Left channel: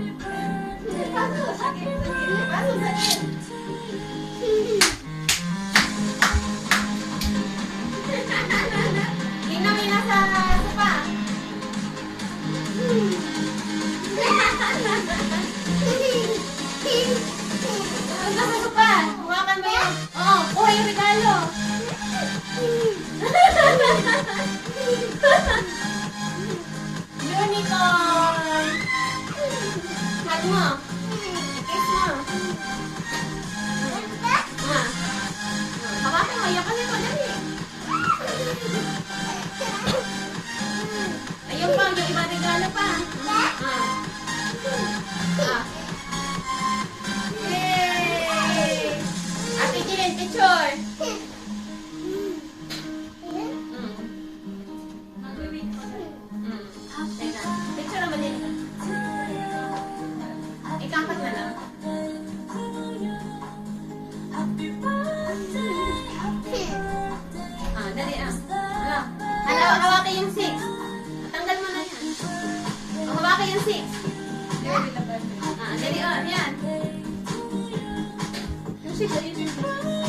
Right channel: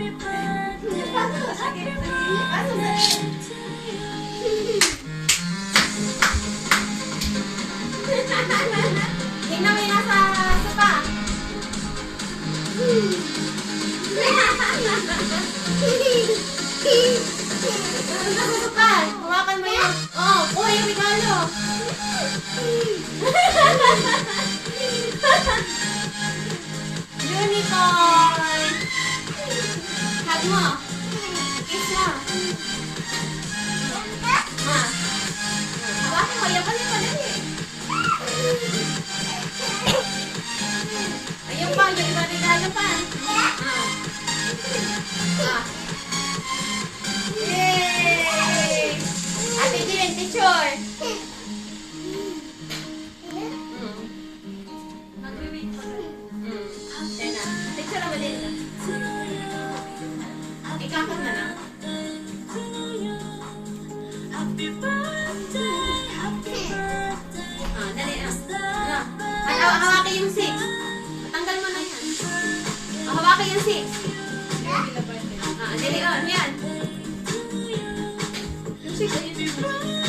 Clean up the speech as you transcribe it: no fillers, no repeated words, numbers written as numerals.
Inumin na sa sopa. Ano sa sopa? Hawakan mo yan. Oo, kuha yung regalo. Unicorn! Hug mo. Kiss mo. Hawakan mo. Ayaw ka na padali. Ayun pa. May iba regalo pa. Yay! Ate Jill, picture. Picture naman din. Ikakot na lang. Dali hawakan yung 6. Tanggal mo na yan. Hawakan yung 6. Dali yan. Yung 6, ayun.